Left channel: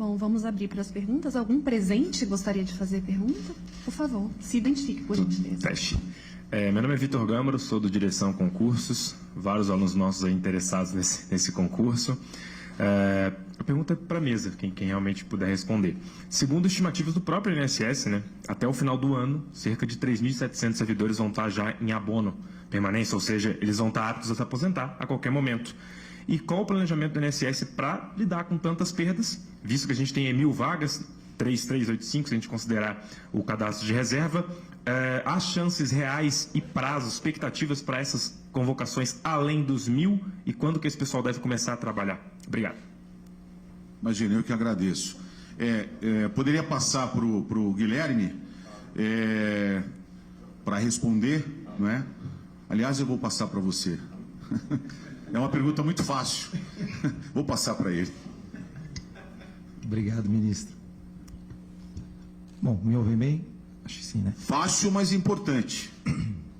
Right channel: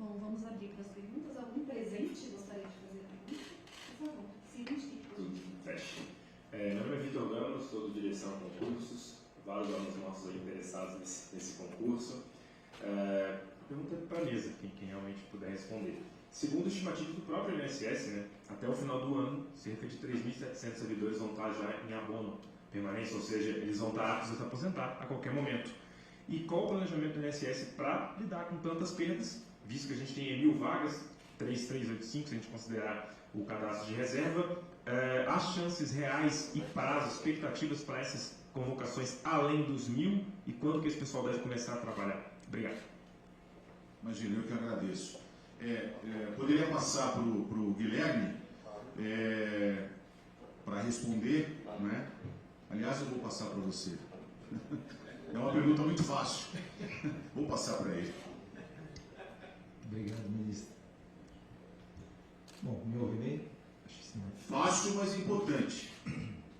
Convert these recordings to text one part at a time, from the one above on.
Bom, vamos abrir para as perguntas. Algum presente gostaria de fazer pergunta? Por favor, se identifique, por gentileza. Teste. Meu nome é Vitor Gâmaro, sou do Direção Concursos, vários alunos nossos aí interessados nesse concurso. A pergunta é para a mesa, quem realmente puder responder. Segundo estimativas do próprio INSS, né, até o final do ano, cerca de 3.700 servidores vão estar já em abono permanência, ou seja, eles vão estar aptos a se aposentar a qualquer momento. E qual o planejamento do INSS para lidar com tantas perdas, visto que a gente tem 1.000 vagas, 3.385, se a gente considerar o cadastro de reserva, há chances reais e prazos, expectativas para essas convocações além dos 1.000 e quando que esse pessoal deve começar a trabalhar? Obrigado. Imagina, eu que agradeço. Poderia passar para o Guilherme para responder, não é? Aliás, eu vou passar para você. É uma pergunta muito fácil. Vou passar para ele. Obrigado, ministro. Bom, me ouve bem? Acho que sim, né? Fácil, mas importante.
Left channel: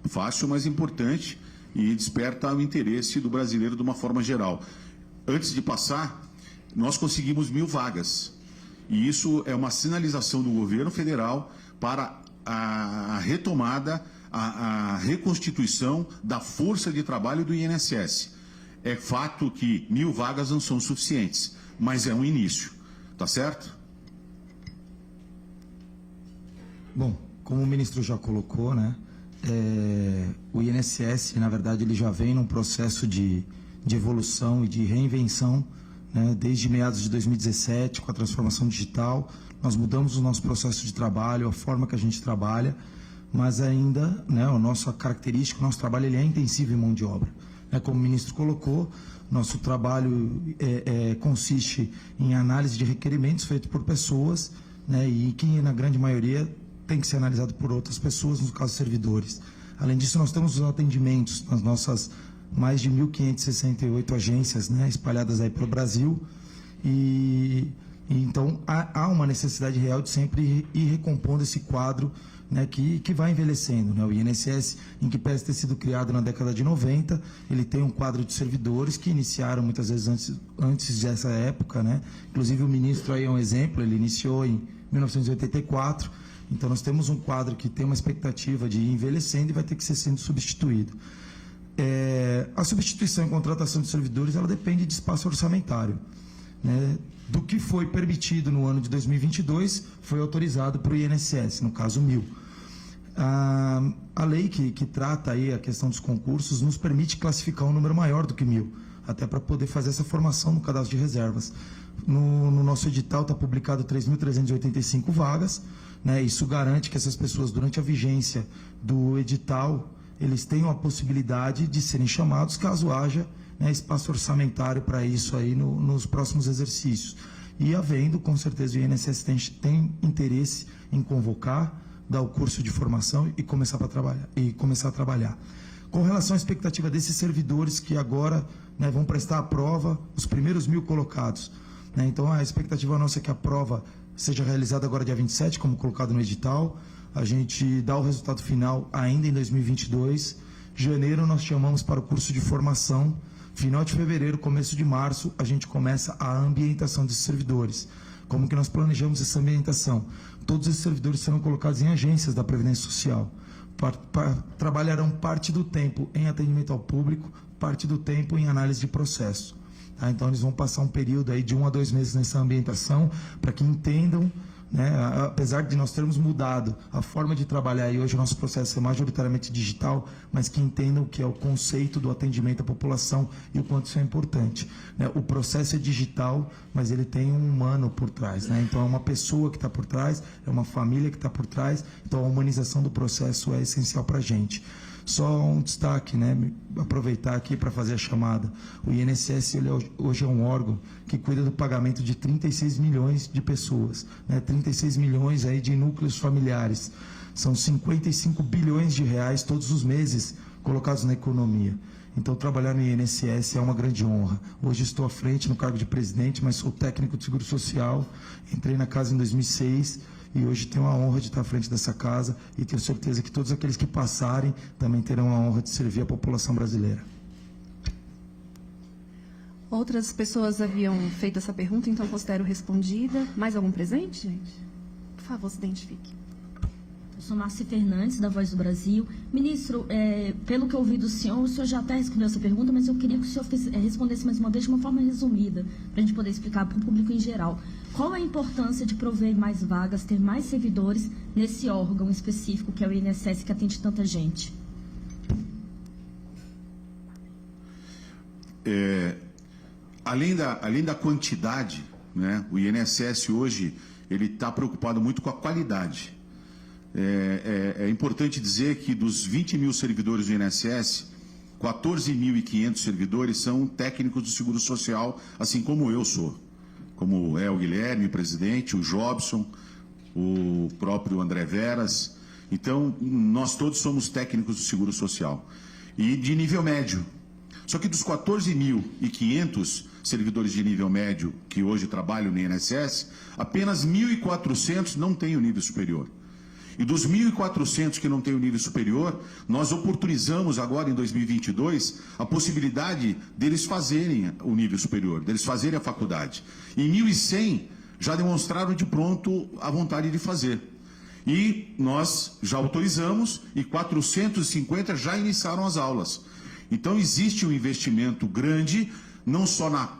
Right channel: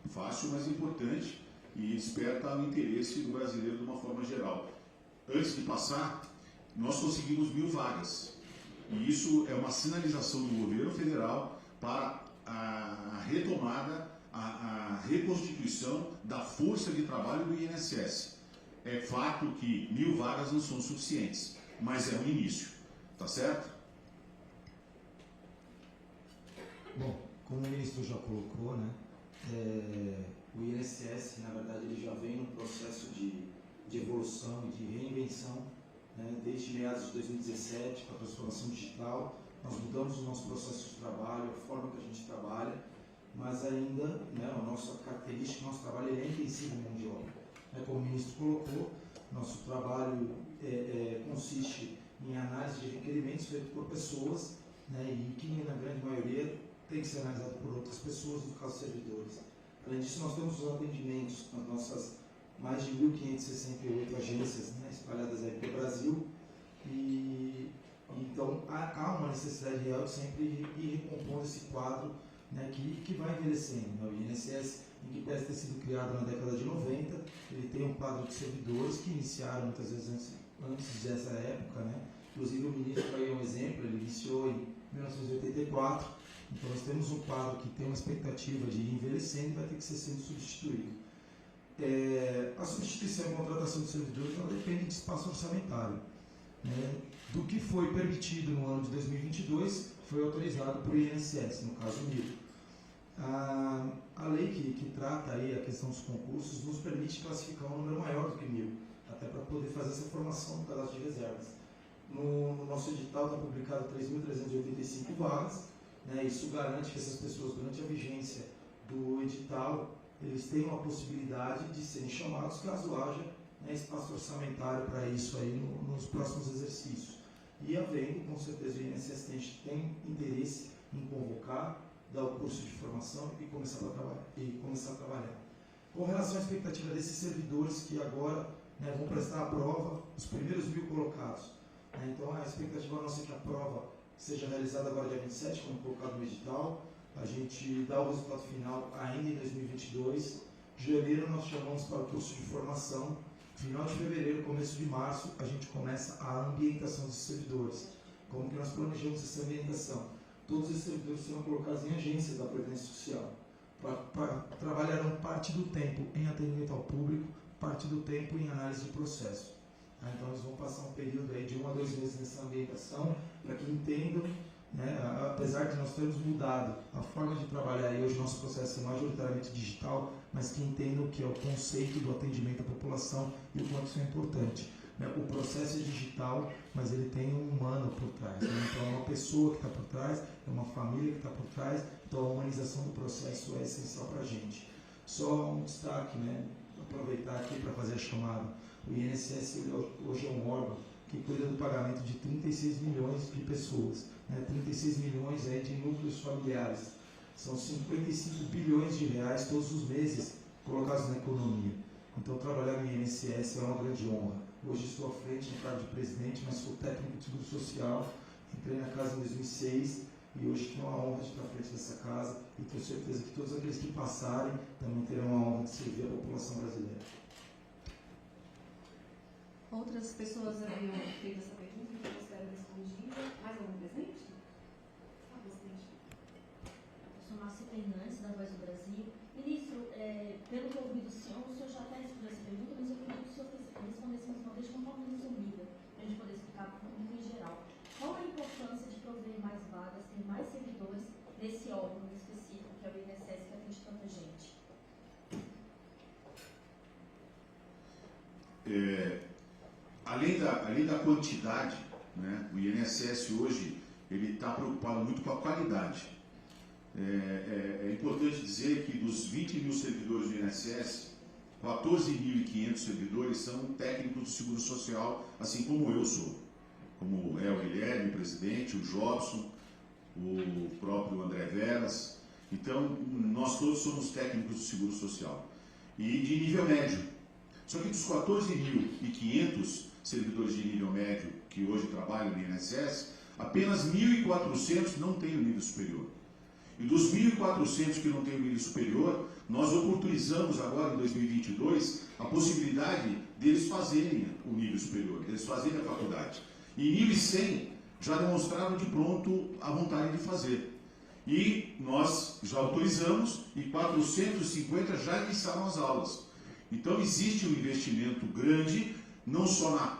Fácil, mas importante e desperta o interesse do brasileiro de uma forma geral. Antes de passar, nós conseguimos 1.000 vagas. E isso é uma sinalização do governo federal para a retomada, a reconstituição da força de trabalho do INSS. É fato que 1.000 vagas não são suficientes, mas é um início. Tá certo? Bom, como o ministro já colocou, né, o INSS, na verdade, ele já vem num processo de evolução e de reinvenção, né, desde meados de 2017, com a transformação digital. Nós mudamos o nosso processo de trabalho, a forma que a gente trabalha, mas ainda, né, a nossa característica, o nosso trabalho ele é intensivo em mão de obra. Como o ministro colocou, nosso trabalho consiste em análise de requerimentos feitos por pessoas, né, e que, na grande maioria, tem que ser analisado por outras pessoas, no caso, servidores. Além disso, nós temos os atendimentos nas nossas mais de 1.568 agências, né, espalhadas aí pelo Brasil, e então há uma necessidade real de sempre ir recompondo esse quadro, né, que vai envelhecendo, né? O INSS, em que parece ter sido criado na década de 90, ele tem um quadro de servidores que iniciaram muitas vezes antes dessa época, né? Inclusive o ministro aí é um exemplo, ele iniciou em 1984, então nós temos um quadro que tem uma expectativa de ir envelhecendo e vai ter que ser sendo substituído. A substituição e contratação de servidores, ela depende de espaço orçamentário, né? Do que foi permitido no ano de 2022 foi autorizado para o INSS, no caso 1.000. A lei que trata aí a questão dos concursos nos permite classificar um número maior do que 1.000, até para poder fazer essa formação no cadastro de reservas. No nosso edital está publicado 3.385 vagas, né? Isso garante que essas pessoas, durante a vigência do edital, eles tenham a possibilidade de serem chamados caso haja, né, espaço orçamentário para isso aí nos próximos exercícios. E havendo, com certeza, o INSS tem interesse em convocar, dar o curso de formação e começar a trabalhar. Com relação à expectativa desses servidores que agora, né, vão prestar a prova, os primeiros 1.000 colocados, né, então a expectativa nossa é que a prova seja realizada agora dia 27, como colocado no edital, a gente dá o resultado final ainda em 2022, janeiro nós chamamos para o curso de formação, final de fevereiro, começo de março, a gente começa a ambientação desses servidores. Como que nós planejamos essa ambientação? Todos esses servidores serão colocados em agências da Previdência Social. Trabalharão parte do tempo em atendimento ao público, parte do tempo em análise de processo. Então, eles vão passar um período aí de 1 a 2 meses nessa ambientação, para que entendam, né, apesar de nós termos mudado a forma de trabalhar e hoje o nosso processo é majoritariamente digital, mas que entendam o que é o conceito do atendimento à população e o quanto isso é importante, né? O processo é digital, mas ele tem um humano por trás, né? Então é uma pessoa que está por trás, é uma família que está por trás, então a humanização do processo é essencial para a gente. Só um destaque, né? Aproveitar aqui para fazer a chamada. O INSS ele hoje é um órgão que cuida do pagamento de 36 milhões de pessoas, né? 36 milhões aí de núcleos familiares. São 55 bilhões de reais todos os meses colocados na economia. Então, trabalhar no INSS é uma grande honra. Hoje estou à frente no cargo de presidente, mas sou técnico de seguro social. Entrei na casa em 2006 e hoje tenho a honra de estar à frente dessa casa e tenho certeza que todos aqueles que passarem também terão a honra de servir a população brasileira. Outras pessoas haviam feito essa pergunta, então considero respondida. Mais algum presente, gente? Por favor, se identifique. Eu sou Márcia Fernandes, da Voz do Brasil. Ministro, pelo que eu ouvi do senhor, o senhor já até respondeu essa pergunta, mas eu queria que o senhor respondesse mais uma vez de uma forma resumida, para a gente poder explicar para o público em geral. Qual a importância de prover mais vagas, ter mais servidores nesse órgão específico, que é o INSS, que atende tanta gente? Além da quantidade, né, o INSS hoje ele está preocupado muito com a qualidade. É importante dizer que dos 20 mil servidores do INSS, 14.500 servidores são técnicos do Seguro Social, assim como eu sou. Como é o Guilherme, presidente, o Jobson, o próprio André Veras. Então, nós todos somos técnicos do Seguro Social. E de nível médio. Só que dos 14.500 servidores de nível médio que hoje trabalham no INSS, apenas 1.400 não têm o nível superior. E dos 1.400 que não têm o nível superior, nós oportunizamos agora em 2022 a possibilidade deles fazerem o nível superior, deles fazerem a faculdade. E 1.100 já demonstraram de pronto a vontade de fazer. E nós já autorizamos e 450 já iniciaram as aulas. Então existe um investimento grande, não só na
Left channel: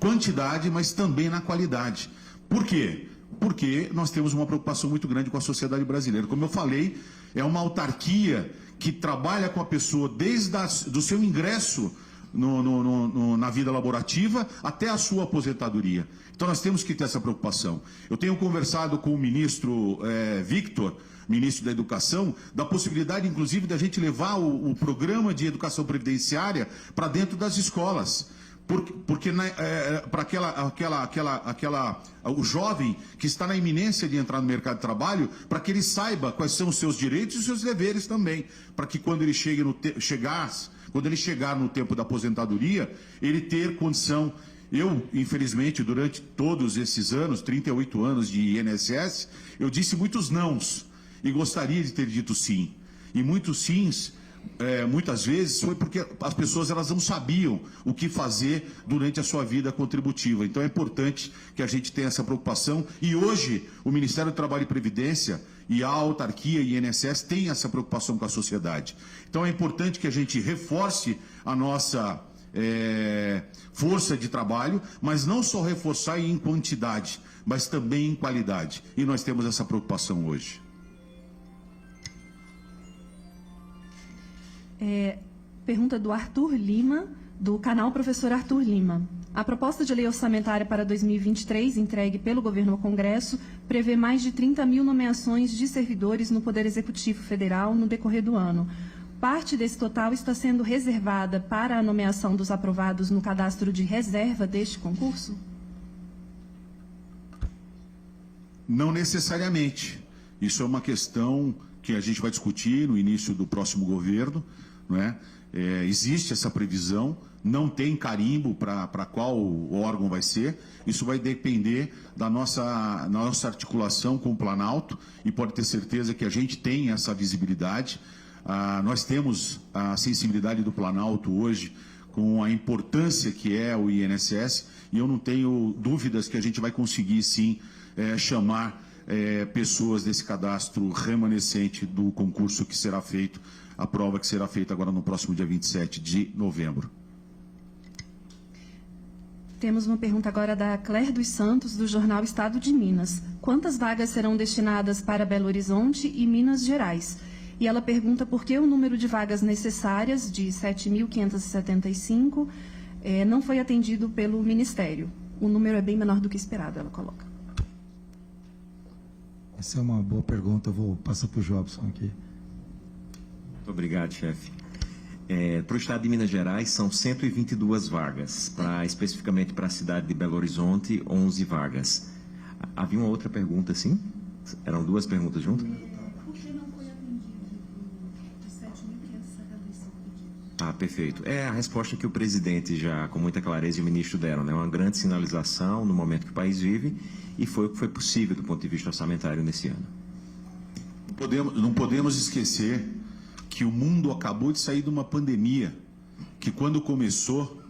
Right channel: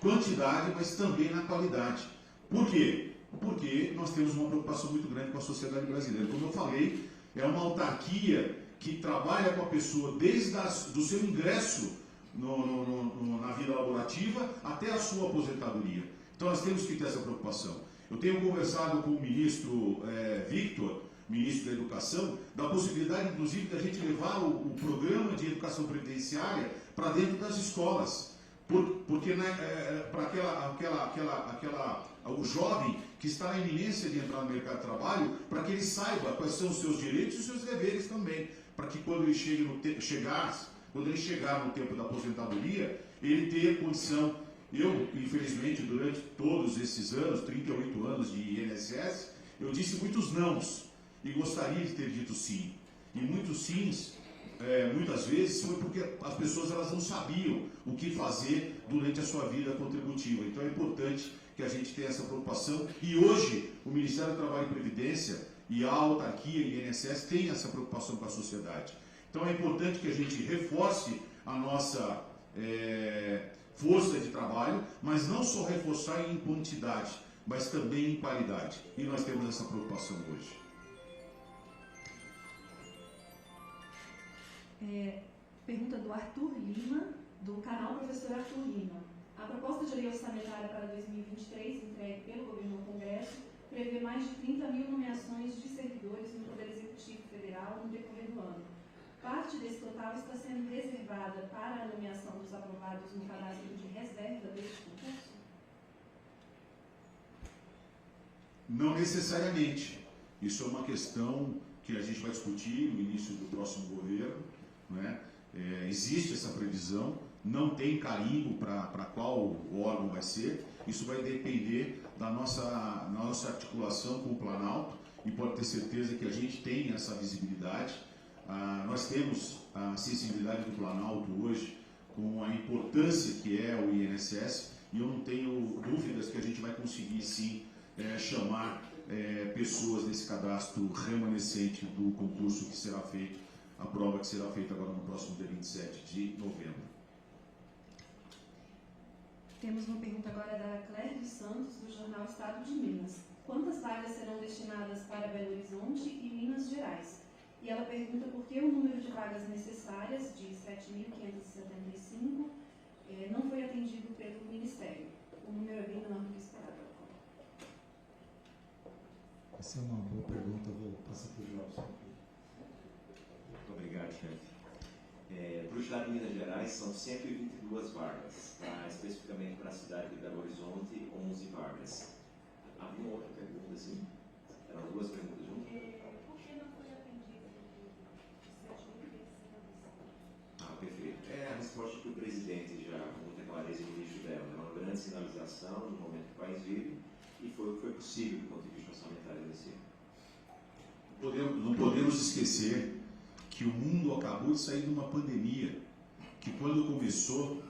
quantidade, mas também na qualidade. Por quê? Porque nós temos uma preocupação muito grande com a sociedade brasileira. Como eu falei, é uma autarquia que trabalha com a pessoa desde do seu ingresso na vida laborativa até a sua aposentadoria. Então nós temos que ter essa preocupação. Eu tenho conversado com o ministro Victor, ministro da Educação, da possibilidade, inclusive, da gente levar o programa de educação previdenciária para dentro das escolas. Porque para o jovem que está na iminência de entrar no mercado de trabalho, para que ele saiba quais são os seus direitos e os seus deveres também, para que quando ele quando ele chegar no tempo da aposentadoria, ele ter condição. Eu, infelizmente, durante todos esses anos, 38 anos de INSS, eu disse muitos nãos e gostaria de ter dito sim. E muitos sims, muitas vezes, foi porque as pessoas elas não sabiam o que fazer durante a sua vida contributiva. Então é importante que a gente tenha essa preocupação. E hoje, o Ministério do Trabalho e Previdência e a autarquia e INSS têm essa preocupação com a sociedade. Então é importante que a gente reforce a nossa força de trabalho, mas não só reforçar em quantidade, mas também em qualidade. E nós temos essa preocupação hoje. Pergunta do Arthur Lima, do canal Professor Arthur Lima. A proposta de lei orçamentária para 2023, entregue pelo governo ao Congresso, prevê mais de 30 mil nomeações de servidores no Poder Executivo Federal no decorrer do ano. Parte desse total está sendo reservada para a nomeação dos aprovados no cadastro de reserva deste concurso? Não necessariamente. Isso é uma questão que a gente vai discutir no início do próximo governo, não é? Existe essa previsão, não tem carimbo para qual órgão vai ser. Isso vai depender da nossa articulação com o Planalto e pode ter certeza que a gente tem essa visibilidade. Nós temos a sensibilidade do Planalto hoje com a importância que é o INSS e eu não tenho dúvidas que a gente vai conseguir sim chamar pessoas desse cadastro remanescente do concurso que será feito, a prova que será feita agora no próximo dia 27 de novembro. Temos uma pergunta agora da Claire dos Santos, do jornal Estado de Minas. Quantas vagas serão destinadas para Belo Horizonte e Minas Gerais? E ela pergunta por que o número de vagas necessárias, de 7.575, não foi atendido pelo Ministério. O número é bem menor do que esperado, ela coloca. Essa é uma boa pergunta, eu vou passar para o Jobson aqui. Muito obrigado, chefe. Para o estado de Minas Gerais, são 122 vagas. Especificamente para a cidade de Belo Horizonte, 11 vagas. Havia uma outra pergunta, sim? Eram duas perguntas juntas? Perfeito. É a resposta que o presidente já, com muita clareza, e o ministro deram, né? Uma grande sinalização no momento que o país vive e foi o que foi possível do ponto de vista orçamentário nesse ano. Não podemos esquecer que o mundo acabou de sair de uma pandemia, que quando começou,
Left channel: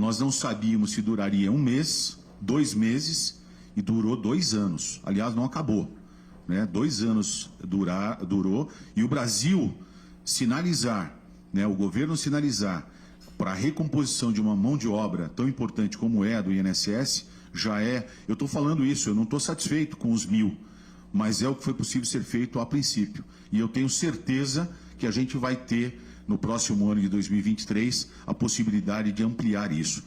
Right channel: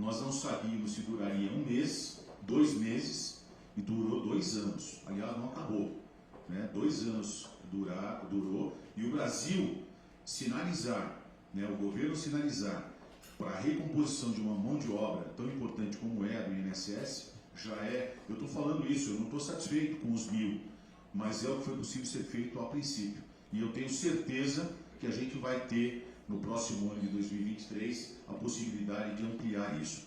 Nós não sabíamos se duraria 1 mês, 2 meses, e durou 2 anos. Aliás, não acabou, né? 2 anos durou, e o Brasil sinalizar, né, o governo sinalizar para a recomposição de uma mão de obra tão importante como é a do INSS, já é, eu estou falando isso, eu não estou satisfeito com os 1.000, mas é o que foi possível ser feito a princípio. E eu tenho certeza que a gente vai ter, no próximo ano de 2023, a possibilidade de ampliar isso.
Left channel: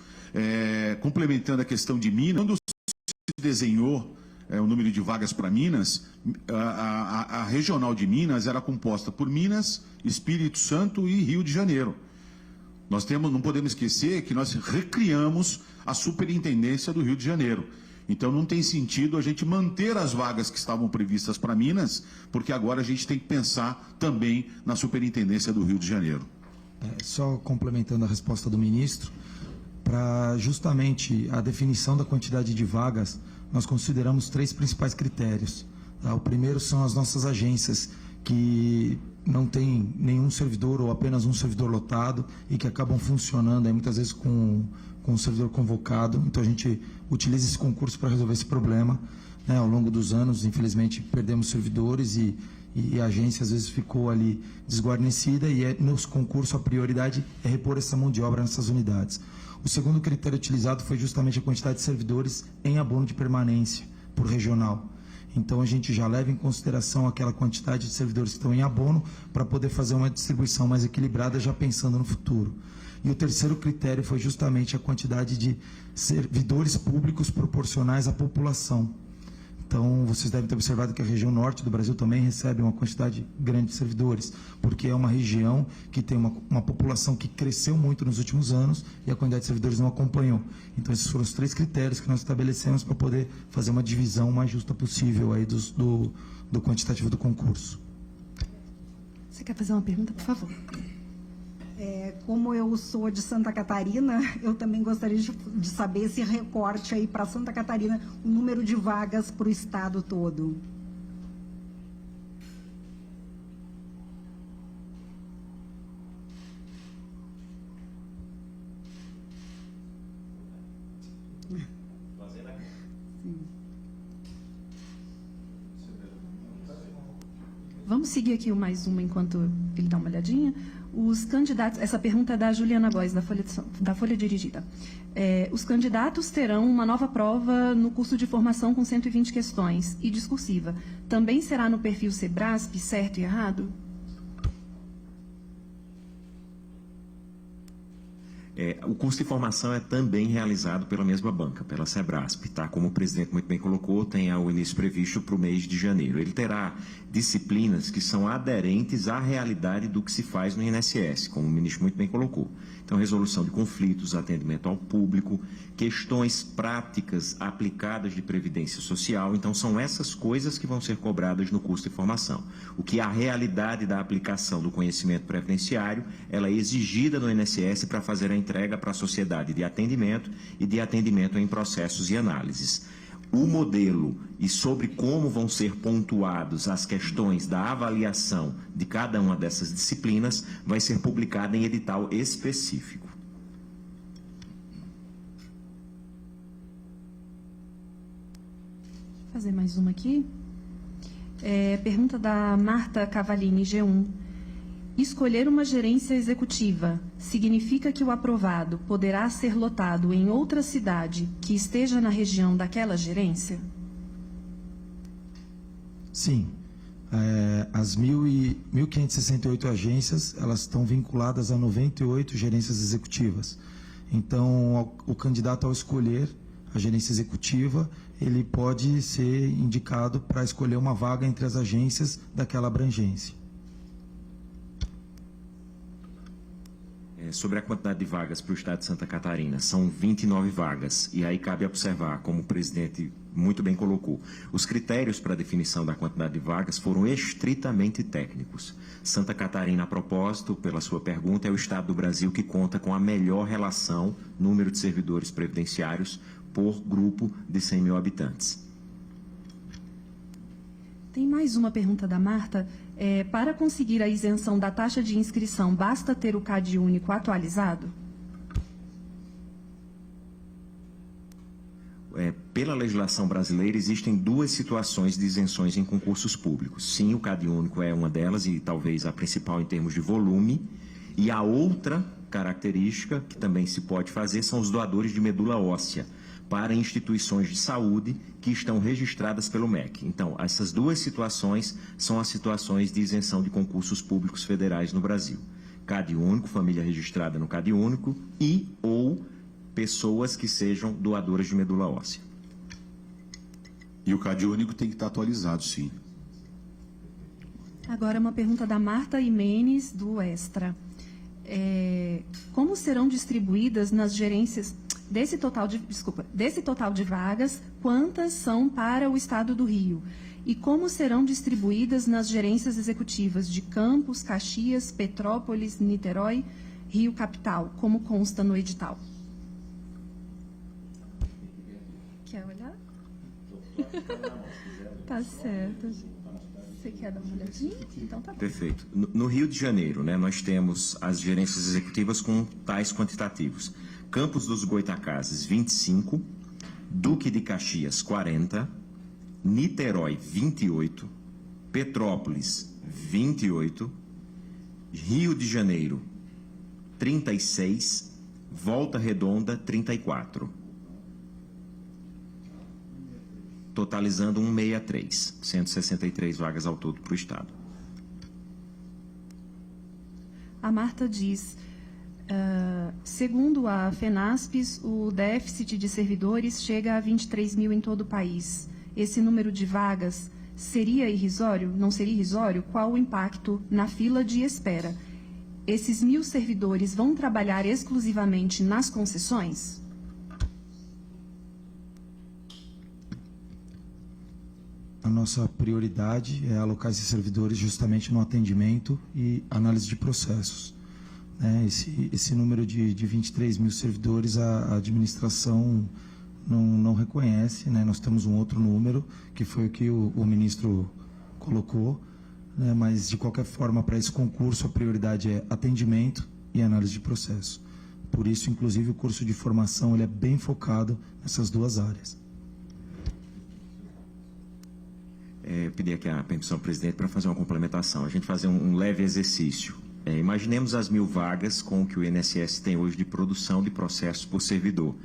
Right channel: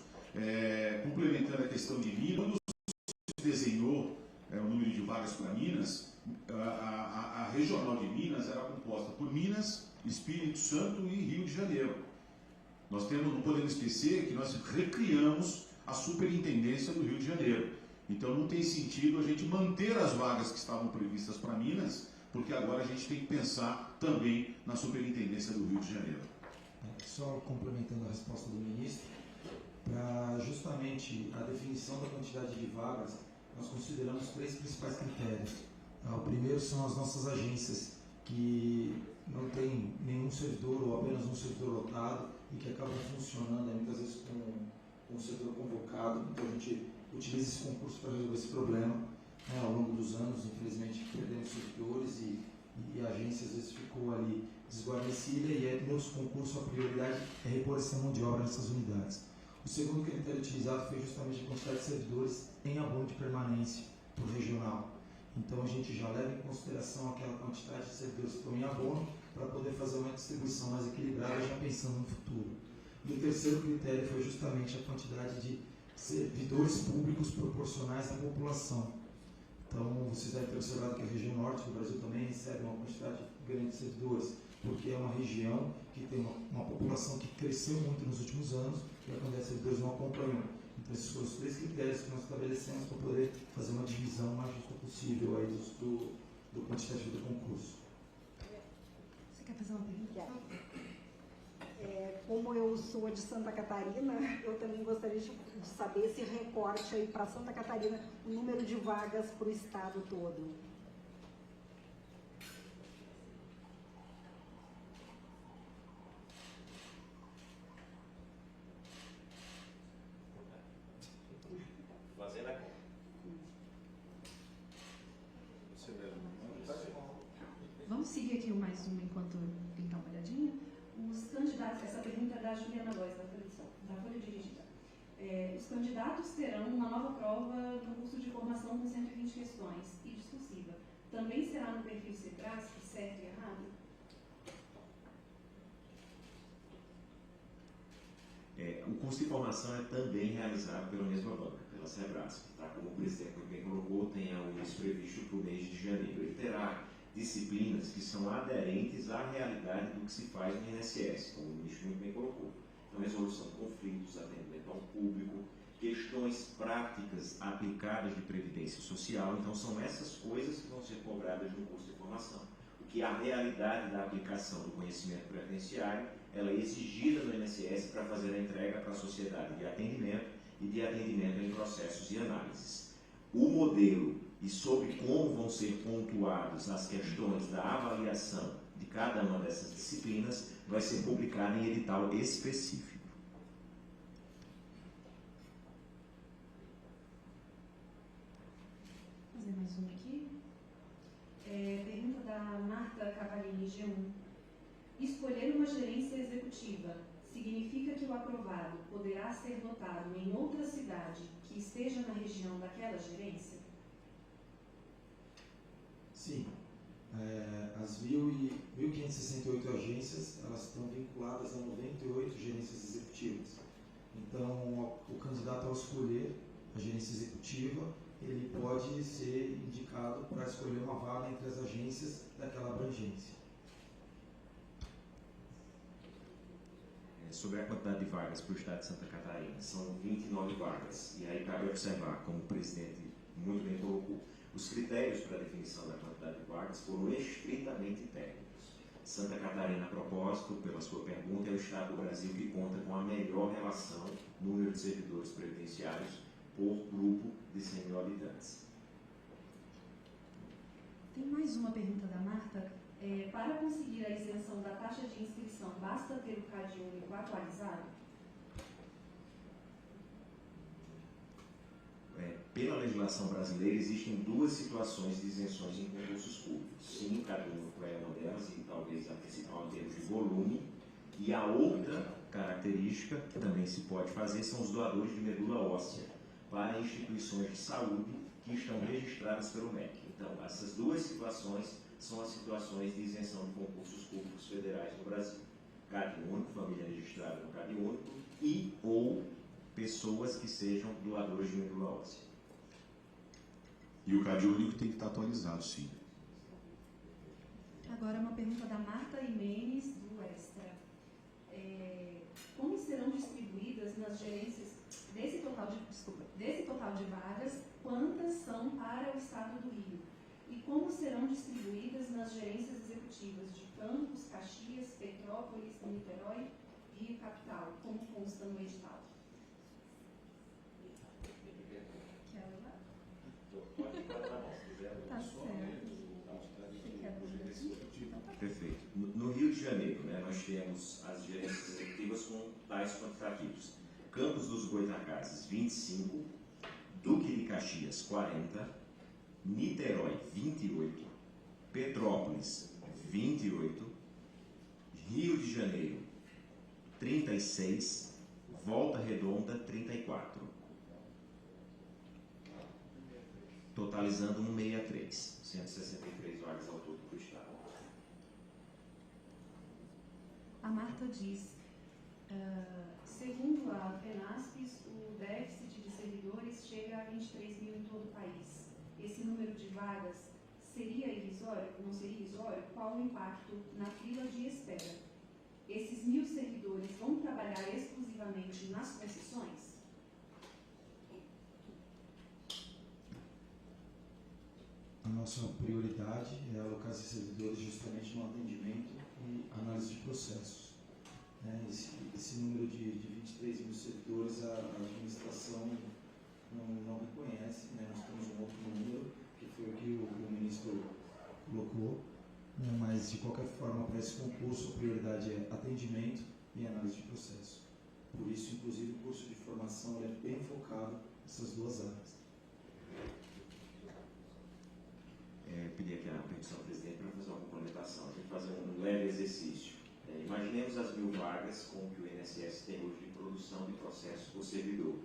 Complementando a questão de Minas, quando se desenhou o número de vagas para Minas, a regional de Minas era composta por Minas, Espírito Santo e Rio de Janeiro. Nós não podemos esquecer que nós recriamos a superintendência do Rio de Janeiro. Então não tem sentido a gente manter as vagas que estavam previstas para Minas, porque agora a gente tem que pensar também na superintendência do Rio de Janeiro. Só complementando a resposta do ministro, para justamente a definição da quantidade de vagas, nós consideramos 3 principais critérios. O primeiro são as nossas agências, que não tem nenhum servidor ou apenas um servidor lotado e que acabam funcionando muitas vezes com um servidor convocado. Então a gente utiliza esse concurso para resolver esse problema, né? Ao longo dos anos, infelizmente, perdemos servidores e a agência às vezes ficou ali desguarnecida, e nos concursos a prioridade é repor essa mão de obra nessas unidades. O segundo critério utilizado foi justamente a quantidade de servidores em abono de permanência por regional. Então a gente já leva em consideração aquela quantidade de servidores que estão em abono para poder fazer uma distribuição mais equilibrada, já pensando no futuro. E o terceiro critério foi justamente a quantidade de servidores públicos proporcionais à população. Então, vocês devem ter observado que a região norte do Brasil também recebe uma quantidade grande de servidores, porque é uma região que tem uma população que cresceu muito nos últimos anos e a quantidade de servidores não acompanhou. Então, esses foram os 3 critérios que nós estabelecemos para poder fazer uma divisão mais justa possível aí do quantitativo do concurso. Você quer fazer uma pergunta, por favor? Como eu sou de Santa Catarina, eu também gostaria de saber esse recorte aí para Santa Catarina, o número de vagas para o estado todo. Vamos seguir aqui mais uma enquanto ele dá uma olhadinha. Os candidatos, essa pergunta é da Juliana Góes, da Folha Dirigida. Os candidatos terão uma nova prova no curso de formação com 120 questões e discursiva. Também será no perfil Sebrasp, certo e errado? O curso de formação é também realizado pela mesma banca, pela Sebrasp, tá? Como o presidente muito bem colocou, tem o início previsto para o mês de janeiro. Ele terá disciplinas que são aderentes à realidade do que se faz no INSS, como o ministro muito bem colocou. Então, resolução de conflitos, atendimento ao público, questões práticas aplicadas de previdência social. Então, são essas coisas que vão ser cobradas no curso de formação. O que a realidade da aplicação do conhecimento previdenciário, ela é exigida no INSS para fazer a entrega para a sociedade de atendimento e de atendimento em processos e análises. O modelo e sobre como vão ser pontuados as questões da avaliação de cada uma dessas disciplinas vai ser publicado em edital específico. Vou fazer mais uma aqui. Pergunta da Marta Cavalini, G1. Escolher uma gerência executiva significa que o aprovado poderá ser lotado em outra cidade que esteja na região daquela gerência? Sim. As 1.568 agências, elas estão vinculadas a 98 gerências executivas. Então, o candidato, ao escolher a gerência executiva, ele pode ser indicado para escolher uma vaga entre as agências daquela abrangência. Sobre a quantidade de vagas para o estado de Santa Catarina, são 29 vagas. E aí cabe observar, como o presidente muito bem colocou, os critérios para a definição da quantidade de vagas foram estritamente técnicos. Santa Catarina, a propósito, pela sua pergunta, é o estado do Brasil que conta com a melhor relação, número de servidores previdenciários por grupo de 100 mil habitantes. Tem mais uma pergunta da Marta. Para conseguir a isenção da taxa de inscrição, basta ter o CAD único atualizado? Pela legislação brasileira, existem duas situações de isenções em concursos públicos. Sim, o CadÚnico é uma delas, e talvez a principal em termos de volume. E a outra característica que também se pode fazer são os doadores de medula óssea para instituições de saúde que estão registradas pelo MEC. Então, essas duas situações são as situações de isenção de concursos públicos federais no Brasil. CadÚnico, família registrada no CadÚnico, e ou pessoas que sejam doadoras de medula óssea. E o CadÚnico tem que estar atualizado, sim. Agora uma pergunta da Marta Imenes, do Extra. Como serão distribuídas nas gerências desse total de vagas, quantas são para o Estado do Rio? E como serão distribuídas nas gerências executivas de Campos, Caxias, Petrópolis, Niterói, Rio Capital, como consta no edital? Quer olhar? Tá certo. Você quer dar uma olhadinha? Então tá bom. Perfeito. No Rio de Janeiro, né, nós temos as gerências executivas com tais quantitativos. Campos dos Goitacazes, 25. Duque de Caxias, 40. Niterói, 28. Petrópolis, 28. Rio de Janeiro, 36. Volta Redonda, 34. Totalizando 163, 163 vagas ao todo para o Estado. A Marta diz, segundo a FENASPES, o déficit de servidores chega a 23 mil em todo o país. Esse número de vagas seria irrisório? Não seria irrisório? Qual o impacto na fila de espera? Esses 1.000 servidores vão trabalhar exclusivamente nas concessões? A nossa prioridade é alocar esses servidores justamente no atendimento e análise de processos. Esse número de 23 mil servidores a administração não reconhece, né? Nós temos um outro número, que foi o que o ministro colocou, né? Mas, de qualquer forma, para esse concurso, a prioridade é atendimento e análise de processo. Por isso, inclusive, o curso de formação ele é bem focado nessas duas áreas. Eu pedi aqui a permissão do presidente para fazer uma complementação. A gente fazer um leve exercício. Imaginemos as 1.000 vagas com o que o INSS tem hoje de produção de processos por servidor.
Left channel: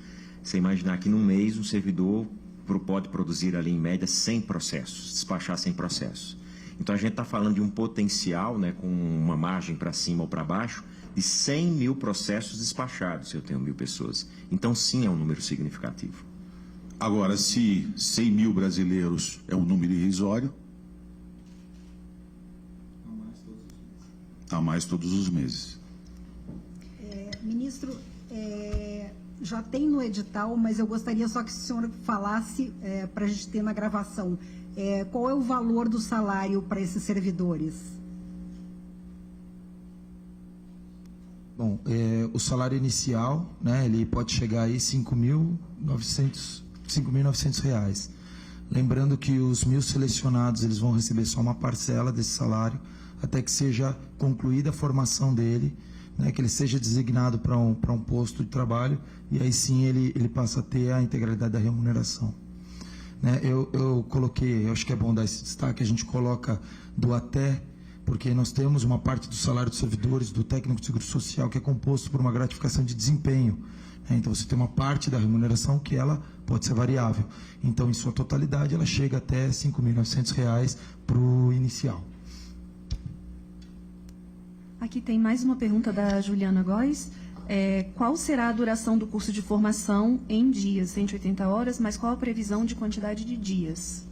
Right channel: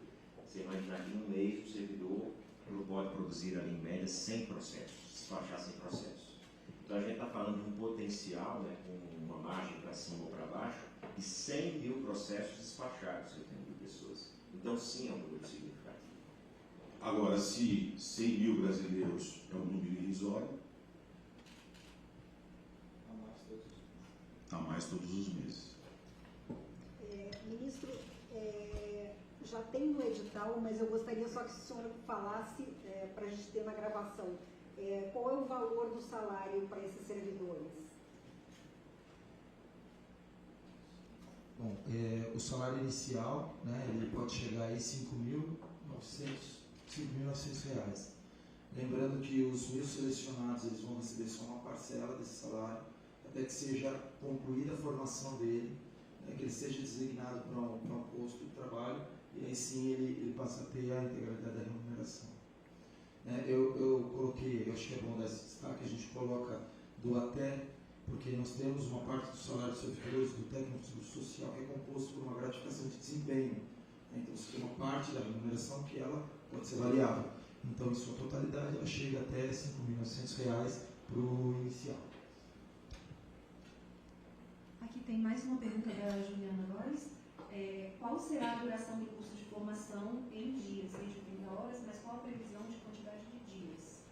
Você imaginar que no mês um servidor pode produzir ali em média 100 processos, despachar 100 processos. Então a gente está falando de um potencial, né, com uma margem para cima ou para baixo, de 100 mil processos despachados, se eu tenho 1.000 pessoas. Então sim é um número significativo. Agora, se 100 mil brasileiros é um número irrisório, a mais todos os meses. Ministro, já tem no edital, mas eu gostaria só que o senhor falasse, para a gente ter na gravação, qual é o valor do salário para esses servidores? Bom, o salário inicial, né, ele pode chegar aí a R$5.900. Lembrando que os 1.000 selecionados eles vão receber só uma parcela desse salário, até que seja concluída a formação dele, né, que ele seja designado para um posto de trabalho, e aí sim ele passa a ter a integralidade da remuneração. Né, eu coloquei, eu acho que é bom dar esse destaque, a gente coloca do até, porque nós temos uma parte do salário dos servidores, do técnico de seguro social, que é composto por uma gratificação de desempenho. Então você tem uma parte da remuneração que ela pode ser variável. Então, em sua totalidade, ela chega até R$ 5.900 para o inicial. Aqui tem mais uma pergunta da Juliana Góes. Qual será a duração do curso de formação em dias? 180 horas, mas qual a previsão de quantidade de dias?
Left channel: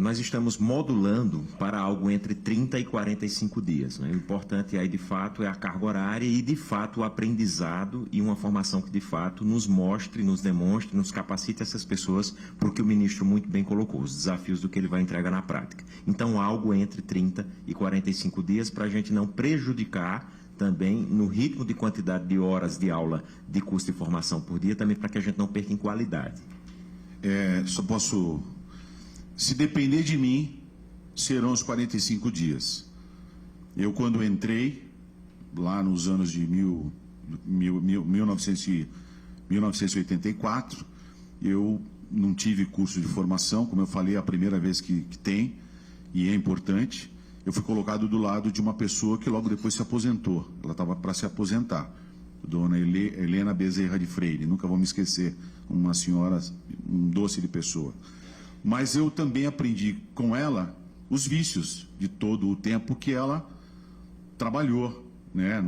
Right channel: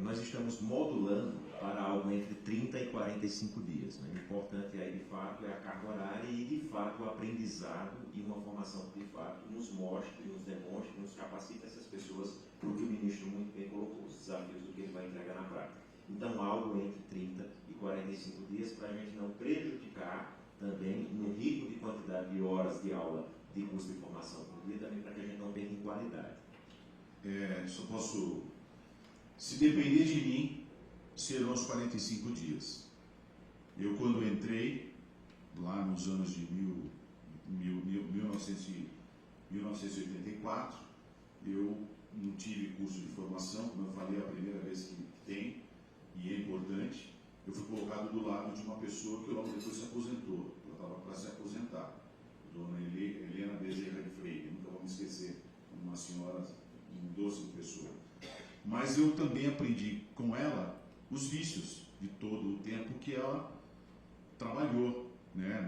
Nós estamos modulando para algo entre 30 e 45 dias. Né? O importante aí, de fato, é a carga horária e, de fato, o aprendizado e uma formação que, de fato, nos mostre, nos demonstre, nos capacite essas pessoas, porque o ministro muito bem colocou, os desafios do que ele vai entregar na prática. Então, algo entre 30 e 45 dias para a gente não prejudicar também no ritmo de quantidade de horas de aula de curso de formação por dia, também para que a gente não perca em qualidade. Só posso... Se depender de mim, serão os 45 dias. Eu, quando entrei, lá nos anos de 1990 1984. Eu não tive curso de formação, como eu falei, é a primeira vez que tem, e é importante. Eu fui colocado do lado de uma pessoa que logo depois se aposentou. Ela estava para se aposentar, dona Helena Bezerra de Freire. Nunca vou me esquecer, uma senhora, um doce de pessoa. Mas eu também aprendi com ela os vícios de todo o tempo que ela trabalhou, né?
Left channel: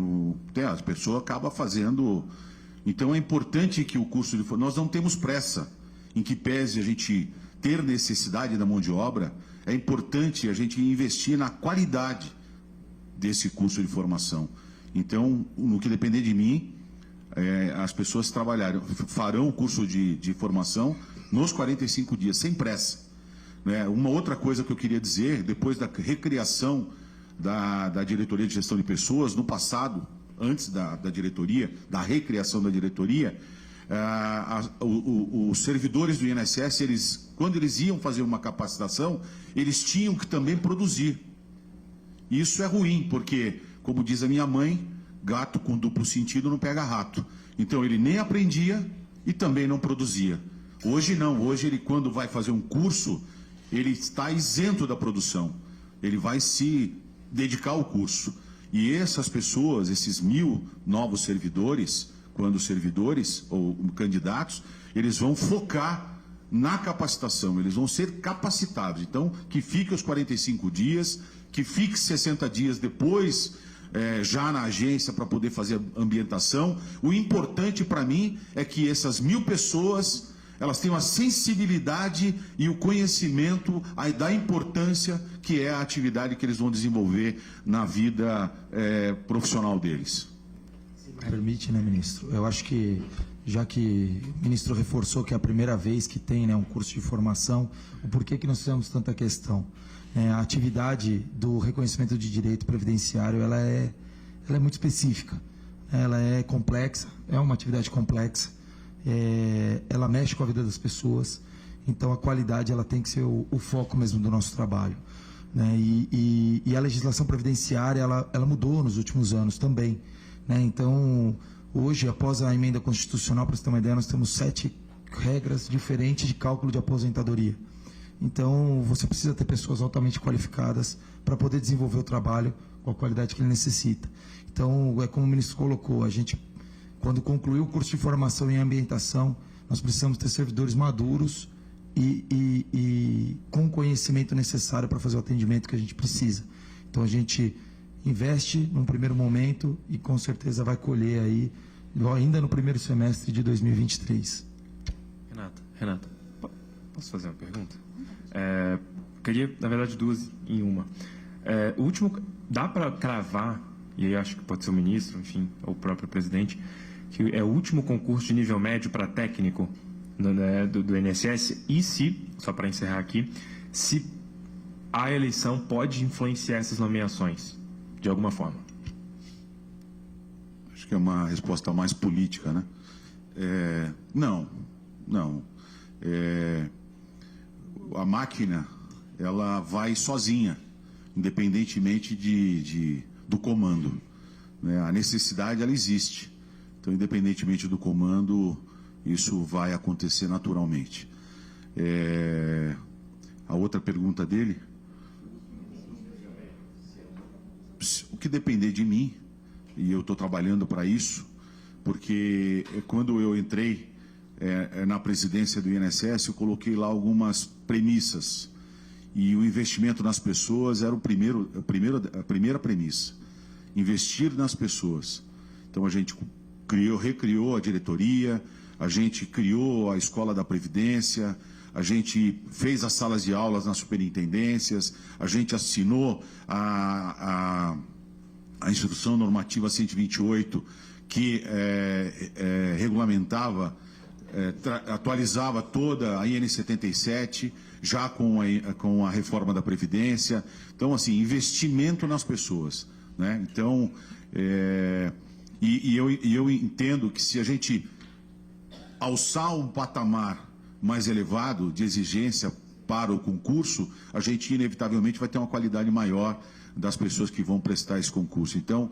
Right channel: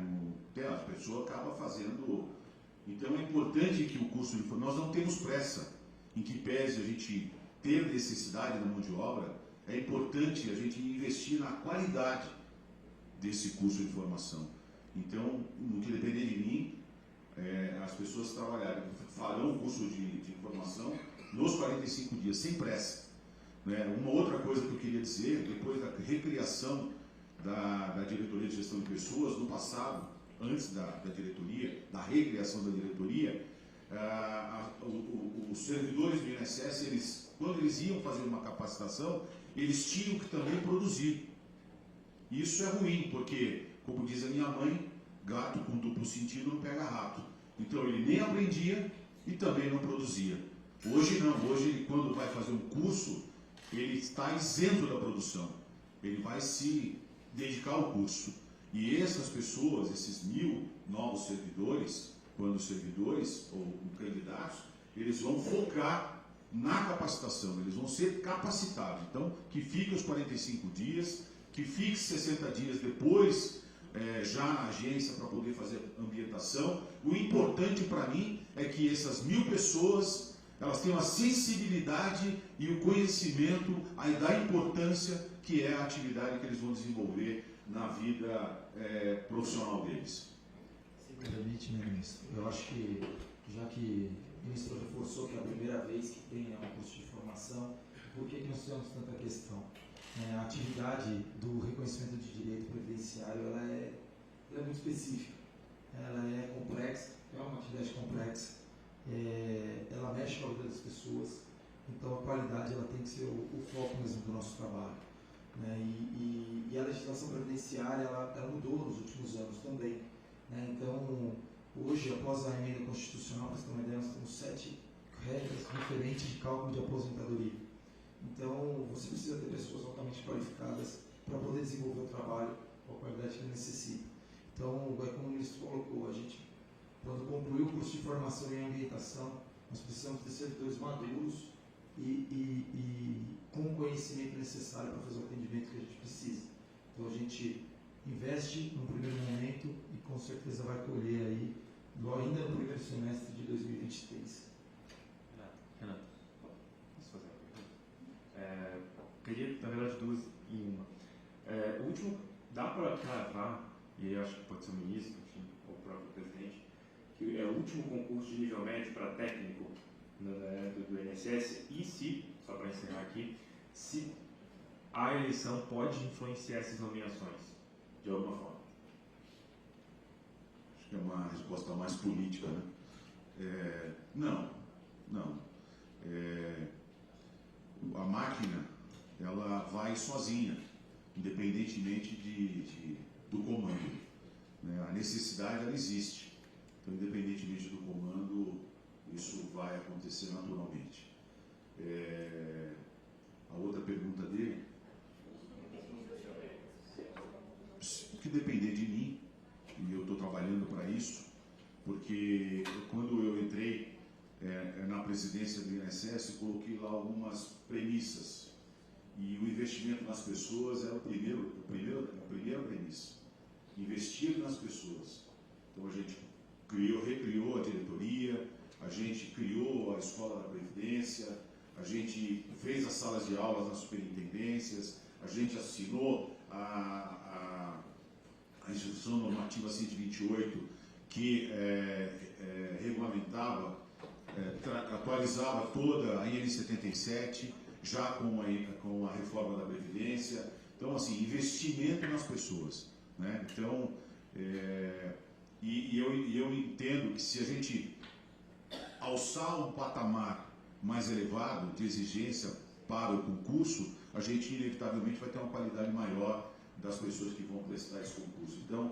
A pessoa acaba fazendo. Então é importante que o curso de formação. Nós não temos pressa, em que pese a gente ter necessidade da mão de obra, é importante a gente investir na qualidade desse curso de formação. Então, no que depender de mim, as pessoas farão o curso de formação nos 45 dias, sem pressa. Né? Uma outra coisa que eu queria dizer, depois da recriação da Diretoria de Gestão de Pessoas, no passado, antes da diretoria, da recriação da diretoria, os servidores do INSS, quando eles iam fazer uma capacitação, eles tinham que também produzir. Isso é ruim, porque, como diz a minha mãe, gato com duplo sentido não pega rato. Então ele nem aprendia e também não produzia. Hoje não, hoje ele, quando vai fazer um curso, ele está isento da produção. Ele vai se dedicar ao curso. E essas pessoas, esses 1.000 novos servidores, quando servidores ou candidatos, eles vão focar na capacitação, eles vão ser capacitados. Então, que fique os 45 dias, que fique 60 dias depois, já na agência para poder fazer a ambientação. O importante para mim é que essas 1.000 pessoas, elas tenham a sensibilidade e o conhecimento da importância que é a atividade que eles vão desenvolver na vida profissional deles. Permite, né, ministro? Eu acho que, já que o ministro reforçou que é a primeira vez que tem, né, um curso de formação, o porquê que nós temos tanta questão? A atividade do reconhecimento de direito previdenciário, ela é muito específica, ela é complexa, é uma atividade complexa, ela mexe com a vida das pessoas, então a qualidade ela tem que ser o foco mesmo do nosso trabalho. Né? E a legislação previdenciária, ela mudou nos últimos anos também. Né? Então, hoje, após a emenda constitucional, para você ter uma ideia, nós temos 7 regras diferentes de cálculo de aposentadoria. Então, você precisa ter pessoas altamente qualificadas para poder desenvolver o trabalho com a qualidade que ele necessita. Então, é como o ministro colocou, a gente, quando concluir o curso de formação em ambientação, nós precisamos ter servidores maduros e com o conhecimento necessário para fazer o atendimento que a gente precisa. Então, a gente investe num primeiro momento e com certeza vai colher aí, ainda no primeiro semestre de 2023. Renato, posso fazer uma pergunta? Queria, na verdade, 2 em uma. O último, dá para cravar, e aí acho que pode ser o ministro, enfim, ou o próprio presidente, que é o último concurso de nível médio para técnico do INSS, e se, só para encerrar aqui, se a eleição pode influenciar essas nomeações, de alguma forma? Acho que é uma resposta mais política, né? Não. A máquina, ela vai sozinha, independentemente do comando. Né? A necessidade, ela existe. Então, independentemente do comando, isso vai acontecer naturalmente. A outra pergunta dele? O que depender de mim, e eu estou trabalhando para isso, porque quando eu entrei na presidência do INSS, eu coloquei lá algumas premissas, e o investimento nas pessoas era a primeira premissa, investir nas pessoas. Então a gente recriou a diretoria, a gente criou a Escola da Previdência, a gente fez as salas de aulas nas superintendências, a gente assinou a Instrução Normativa 128, que regulamentava, atualizava toda a IN 77, já com a reforma da Previdência. Então, assim, investimento nas pessoas. Né? Então, eu entendo que se a gente alçar um patamar mais elevado de exigência para o concurso, a gente inevitavelmente vai ter uma qualidade maior das pessoas que vão prestar esse concurso. Então,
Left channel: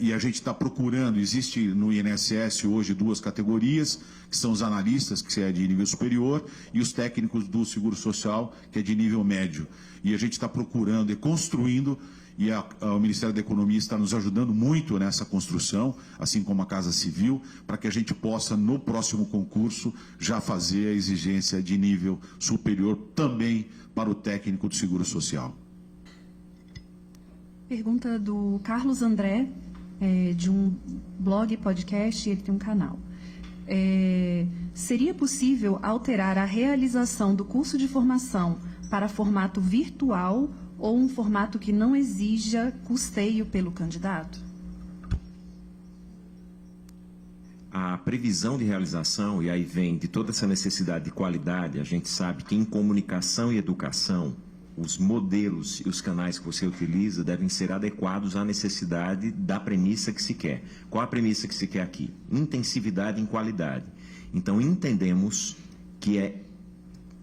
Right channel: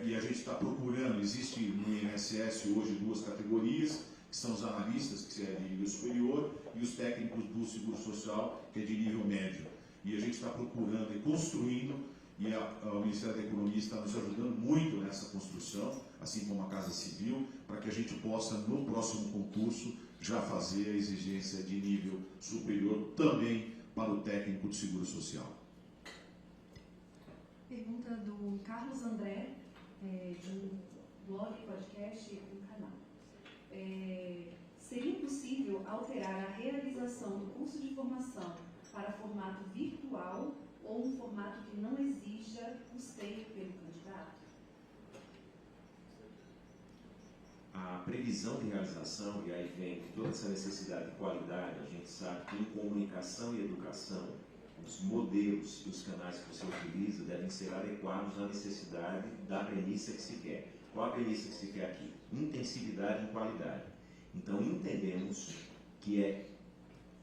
e a gente está procurando, existe no INSS hoje 2 categorias, que são os analistas, que é de nível superior, e os técnicos do Seguro Social, que é de nível médio. E a gente está procurando e construindo, e o Ministério da Economia está nos ajudando muito nessa construção, assim como a Casa Civil, para que a gente possa, no próximo concurso, já fazer a exigência de nível superior também para o técnico do Seguro Social. Pergunta do Carlos André, de um blog, podcast, ele tem um canal. Seria possível alterar a realização do curso de formação para formato virtual ou um formato que não exija custeio pelo candidato? A previsão de realização, e aí vem de toda essa necessidade de qualidade, a gente sabe que em comunicação e educação, os modelos e os canais que você utiliza devem ser adequados à necessidade da premissa que se quer. Qual a premissa que se quer aqui? Intensividade em qualidade. Então, entendemos que é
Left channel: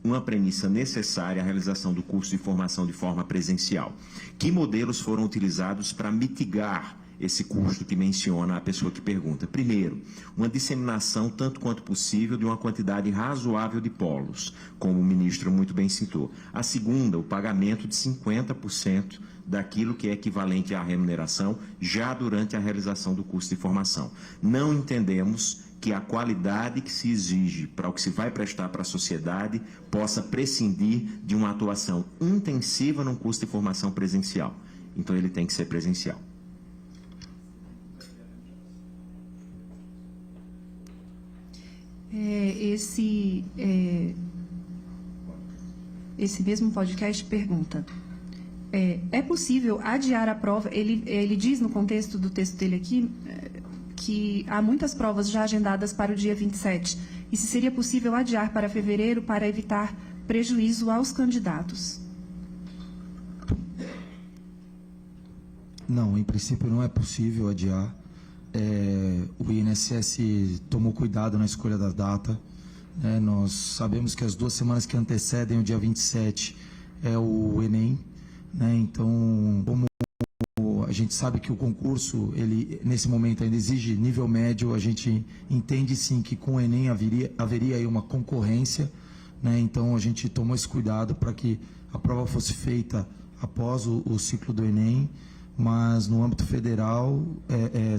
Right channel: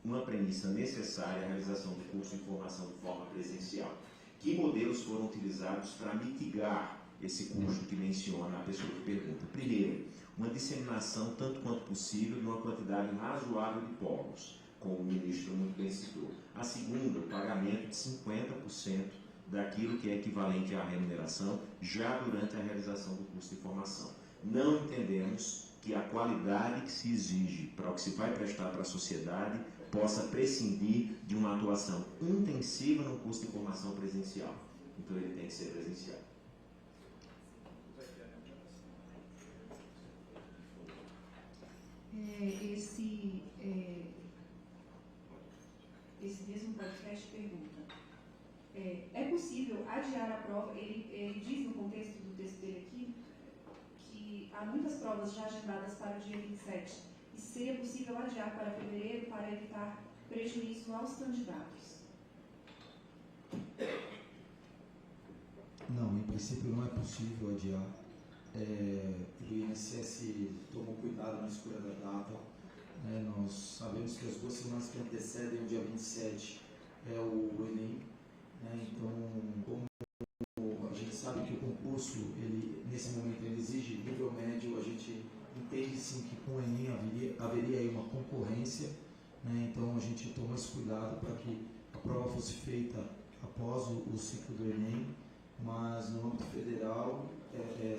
uma premissa necessária a realização do curso de formação de forma presencial. Que modelos foram utilizados para mitigar esse custo que menciona a pessoa que pergunta? Primeiro, uma disseminação tanto quanto possível de uma quantidade razoável de polos, como o ministro muito bem citou. A segunda, o pagamento de 50% daquilo que é equivalente à remuneração já durante a realização do curso de formação. Não entendemos que a qualidade que se exige para o que se vai prestar para a sociedade possa prescindir de uma atuação intensiva num curso de formação presencial. Então, ele tem que ser presencial. Esse mesmo podcast pergunta: é possível adiar a prova? Ele diz no contexto do texto dele aqui que há muitas provas já agendadas para o dia 27. E se seria possível adiar para fevereiro para evitar prejuízo aos candidatos? Não, em princípio não é possível adiar. O INSS tomou cuidado na escolha da data. Nós sabemos que as 2 semanas que antecedem o dia 27 é o Enem. Então, como a gente sabe que o concurso, ele nesse momento ainda exige nível médio, a gente entende sim que com o Enem haveria aí uma concorrência, então a gente tomou esse cuidado para que a prova fosse feita após o ciclo do Enem, mas no âmbito federal,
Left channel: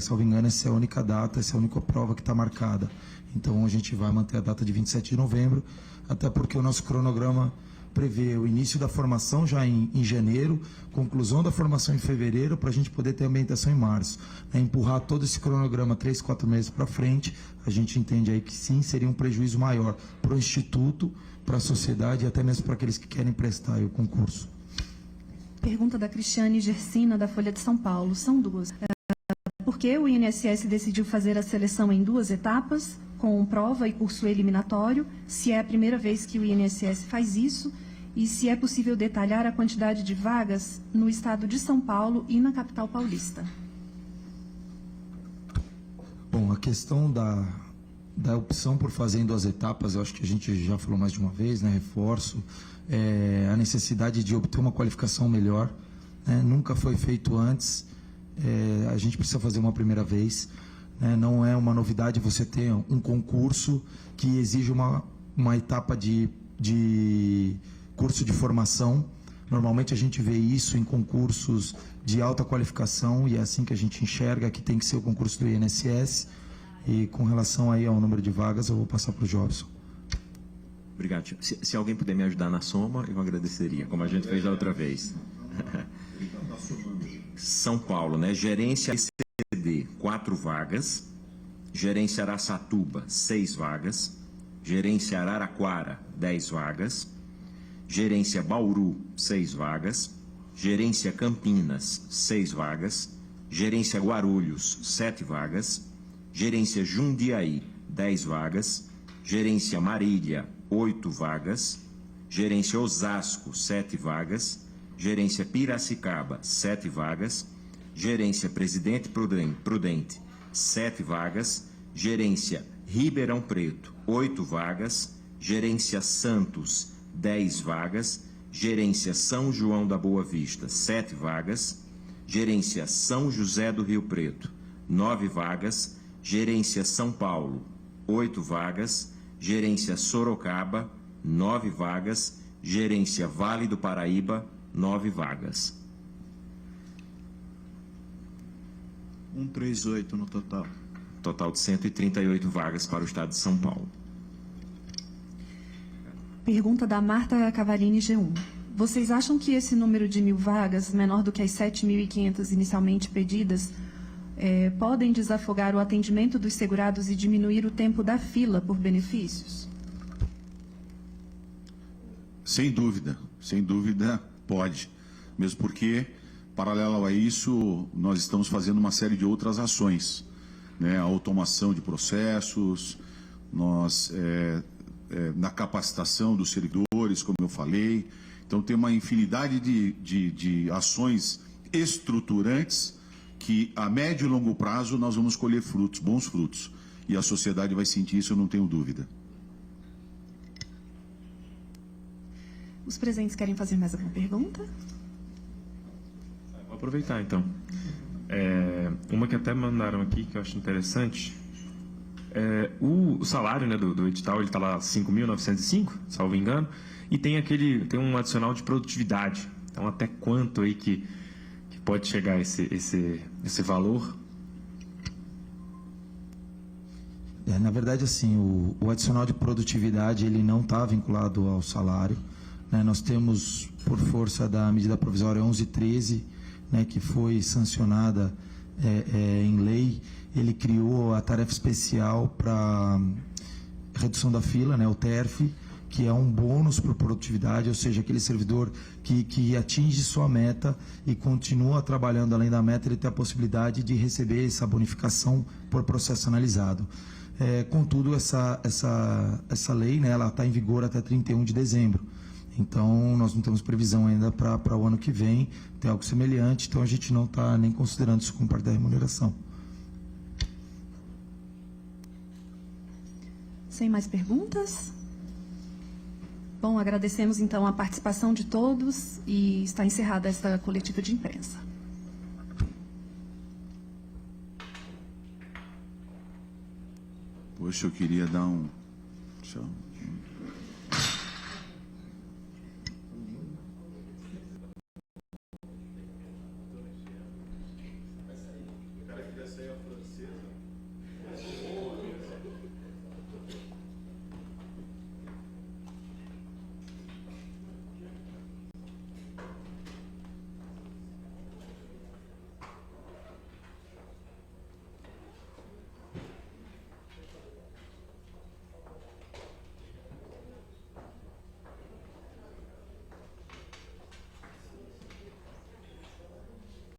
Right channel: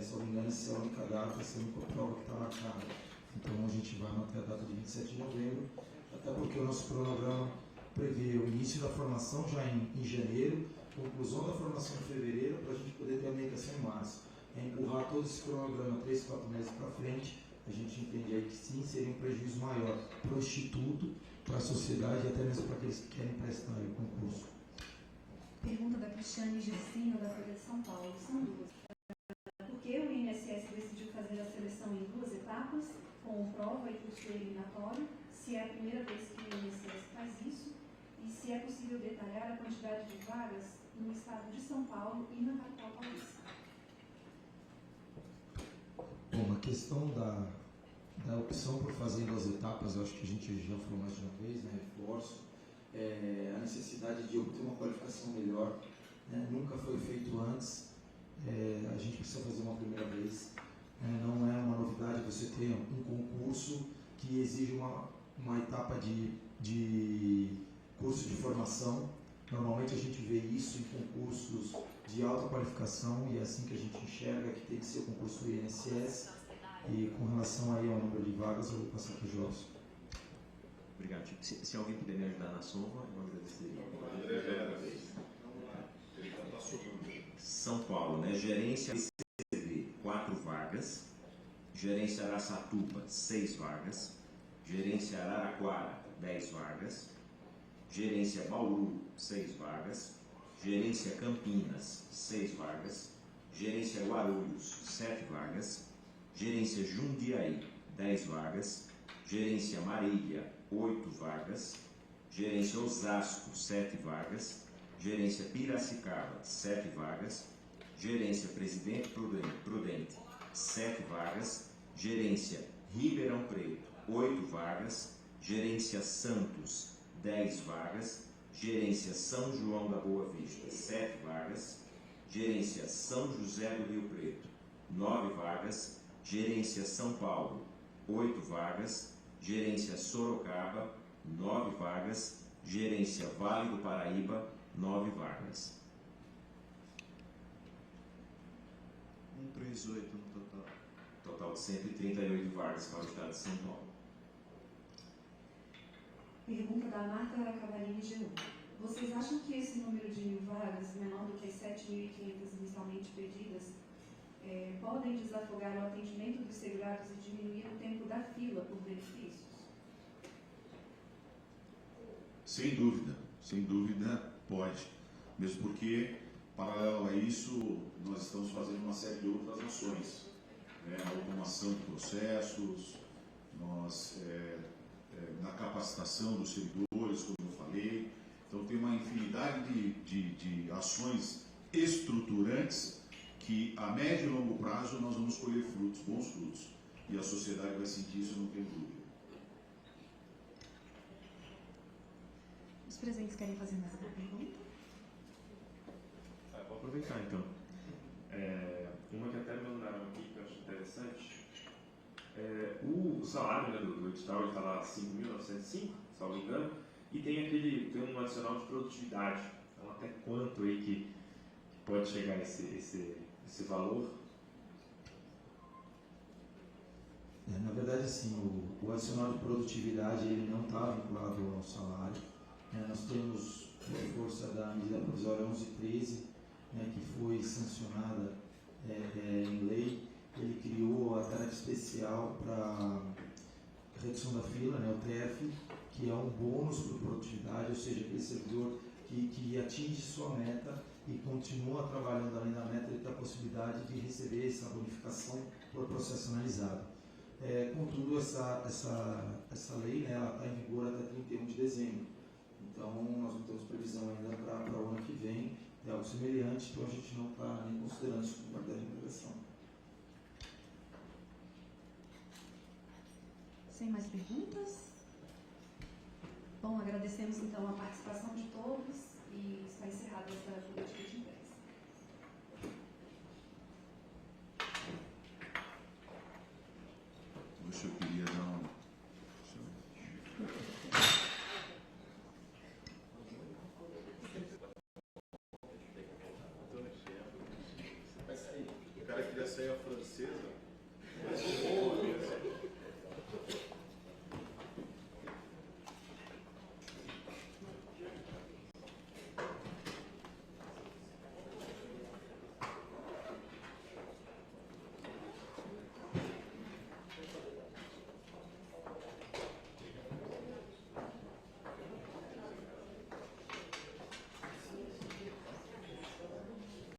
salvo engano, essa é a única data, essa é a única prova que está marcada. Então a gente vai manter a data de 27 de novembro, até porque o nosso cronograma prevê o início da formação já em janeiro, conclusão da formação em fevereiro, para a gente poder ter ambientação em março. Empurrar todo esse cronograma 3, 4 meses para frente, a gente entende aí que sim, seria um prejuízo maior para o Instituto, para a sociedade e até mesmo para aqueles que querem prestar aí o concurso. Pergunta da Cristiane Gersina, da Folha de São Paulo. São 2. Por que o INSS decidiu fazer a seleção em 2 etapas, com prova e curso eliminatório, se é a primeira vez que o INSS faz isso, e se é possível detalhar a quantidade de vagas no estado de São Paulo e na capital paulista? Bom, a questão da opção por fazer em 2 etapas, eu acho que a gente já falou mais de uma vez, reforço, a necessidade de obter uma qualificação melhor, nunca foi feito antes, a gente precisa fazer uma primeira vez, não é uma novidade você ter um concurso que exige uma etapa de curso de formação. Normalmente a gente vê isso em concursos de alta qualificação e é assim que a gente enxerga que tem que ser o concurso do INSS. E com relação aí ao número de vagas, eu vou passar para o Jobson. Obrigado. Se alguém puder me ajudar na soma, eu agradeceria, como a gente fez da outra vez. São Paulo, Gerência ABCD, 4 vagas. Gerência Araçatuba, 6 vagas. Gerência Araraquara, 10 vagas. Gerência Bauru, 6 vagas. Gerência Campinas, 6 vagas. Gerência Guarulhos, 7 vagas. Gerência Jundiaí, 10 vagas. Gerência Marília, 8 vagas. Gerência Osasco, 7 vagas. Gerência Piracicaba, 7 vagas. Gerência Presidente Prudente, 7 vagas. Gerência Ribeirão Preto, 8 vagas. Gerência Santos, 10 vagas. Gerência São João da Boa Vista, 7 vagas. Gerência São José do Rio Preto, 9 vagas. Gerência São Paulo, 8 vagas. Gerência Sorocaba, 9 vagas. Gerência Vale do Paraíba, 9 vagas. 138 no total. Total de 138 vagas para o estado de São Paulo. Pergunta da Marta Cavalini, G1. Vocês acham que esse número de 1.000 vagas, menor do que as 7.500 inicialmente pedidas, podem desafogar o atendimento dos segurados e diminuir o tempo da fila por benefícios? Sem dúvida pode. Mesmo porque, paralelo a isso, nós estamos fazendo uma série de outras ações, né? A automação de processos, na capacitação dos servidores, como eu falei. Então, tem uma infinidade de ações estruturantes que, a médio e longo prazo, nós vamos colher frutos, bons frutos. E a sociedade vai sentir isso, eu não tenho dúvida. Os presentes querem fazer mais alguma pergunta? Vou aproveitar, então. Uma que até mandaram aqui, que eu acho interessante. O salário, né, do edital, ele está lá 5.905, salvo engano, e tem um adicional de produtividade. Então, até quanto aí que pode chegar esse valor? Na verdade, assim, o adicional de produtividade ele não está vinculado ao salário, né? Nós temos, por força da medida provisória 1113, né, que foi sancionada em lei, ele criou a tarefa especial para redução da fila, né, o TERF, que é um bônus por produtividade, ou seja, aquele servidor que atinge sua meta e continua trabalhando além da meta, ele tem a possibilidade de receber essa bonificação por processo analisado. Contudo, essa lei, né, ela está em vigor até 31 de dezembro. Então, nós não temos previsão ainda para o ano que vem ter algo semelhante, então a gente não está nem considerando isso como parte da remuneração. Sem mais perguntas? Bom, agradecemos então a participação de todos e está encerrada esta coletiva de imprensa. Poxa, eu queria dar um...